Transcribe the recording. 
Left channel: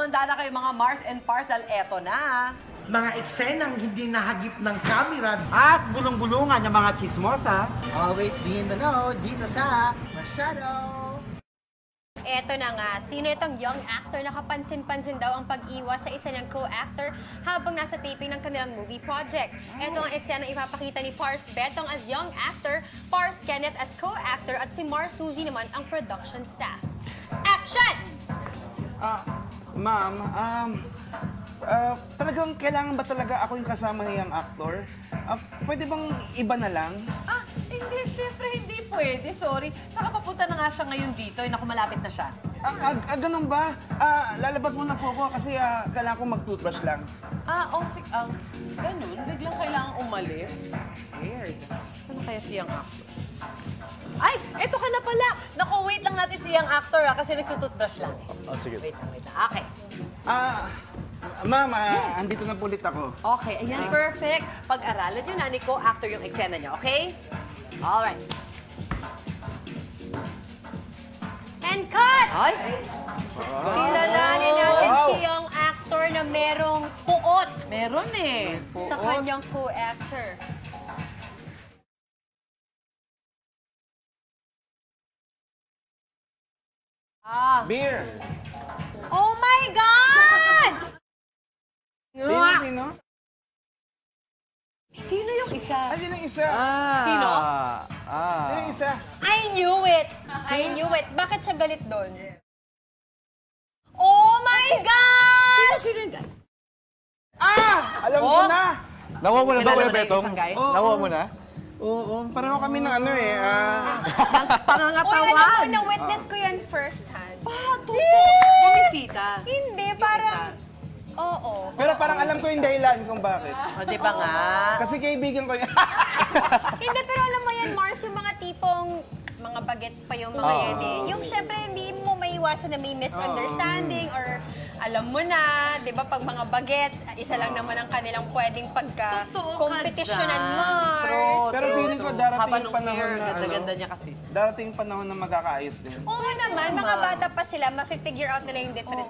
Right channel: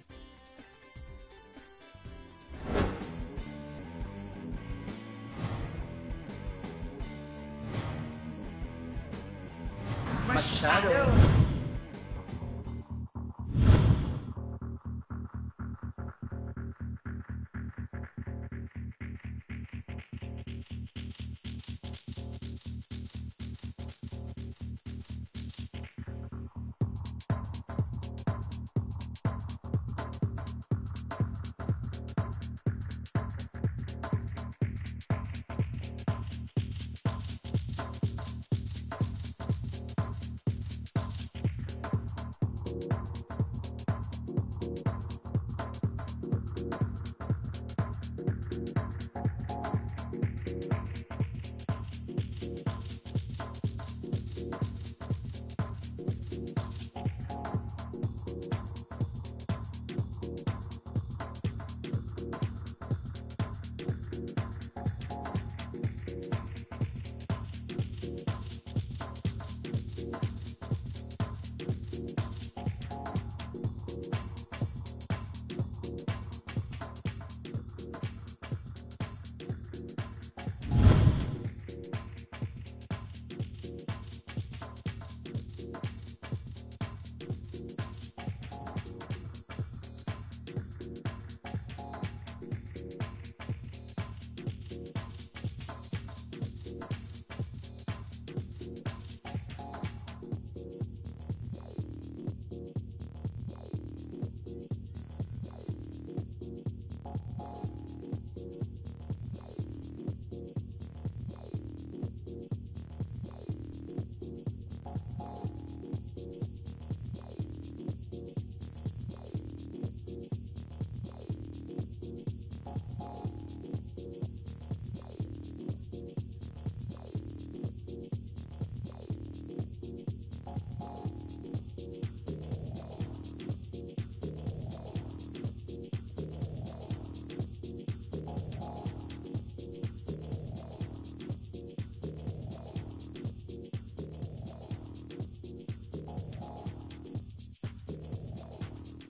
Handa na kayo mga Mars and Pars dahil eto na. Mga eksenang hindi nahagip ng kamera. At bulong-bulungan ng mga chismosa. Always be in the know dito sa Masyado. Eto na nga, sino itong young actor na kapansin-pansin daw ang pag-iwas sa isa niyang co-actor habang nasa taping ng kanilang movie project. Eto ang eksena ipapakita ni Pars Betong as young actor, Pars Kenneth as co-actor at si Mars Suzy naman ang production staff. Action! Ma'am, talagang kailangan ba talaga ako yung kasama niyang actor? Pwede bang iba na lang? Hindi, syempre hindi pwede. Sorry. Saka papunta na nga siya ngayon dito. Naku, malapit na siya. Ganun ba? Lalabas muna po ako kasi kailangan ko mag-toothbrush lang. Ganun. Biglang kailangang umalis. Weird. Saan kaya siyang actor? Ay, eto ka na pala. Naku, wait lang natin siyang actor kasi nagtututbrush lang. Sige. Wait lang. Okay. Ma'am, andito na po ulit ako. Okay, ayan, perfect. Pag-aralan nyo na ni co-actor yung eksena nyo, okay? Alright. And cut! Ay! Kilalanin natin si young actor na merong puot Meron eh. sa kanyang co-actor. Beer! Oh my God! Sino? Sino yung isa? Sino yung isa? Sino? Sino yung isa? I knew it! I knew it. Bakit siya galit doon? Oh my God! Sino yung... Alam ko na! Nakuha mo na ba, Kilala Kuya mo na yung Betong? isang guy? Nakuha mo na? Oo, pareho kami ng ano eh. Uy, Pangangatawan. alam ko, na-witness ko yan first hand. Bumisita. Hindi, parang... Oo. Pero parang alam ko yung dahilan kung bakit. O, di ba nga? Kasi kaibigan ko yan. Hindi, pero alam mo yan, Mars, yung mga tipong mga bagets pa yung mga yan eh. Yung syempre, hindi mo maiwasan na may misunderstanding or alam mo na, di ba, pag mga bagets, isa lang naman ang kanilang pwedeng pagka-competitionan, Mars. True. Pero feeling ko darating Haba yung nung panahon hair, na ganda-ganda niya kasi. Darating yung panahon na magkakaayos din. Oo naman, mga bata pa sila, mafe-figure out nila yung different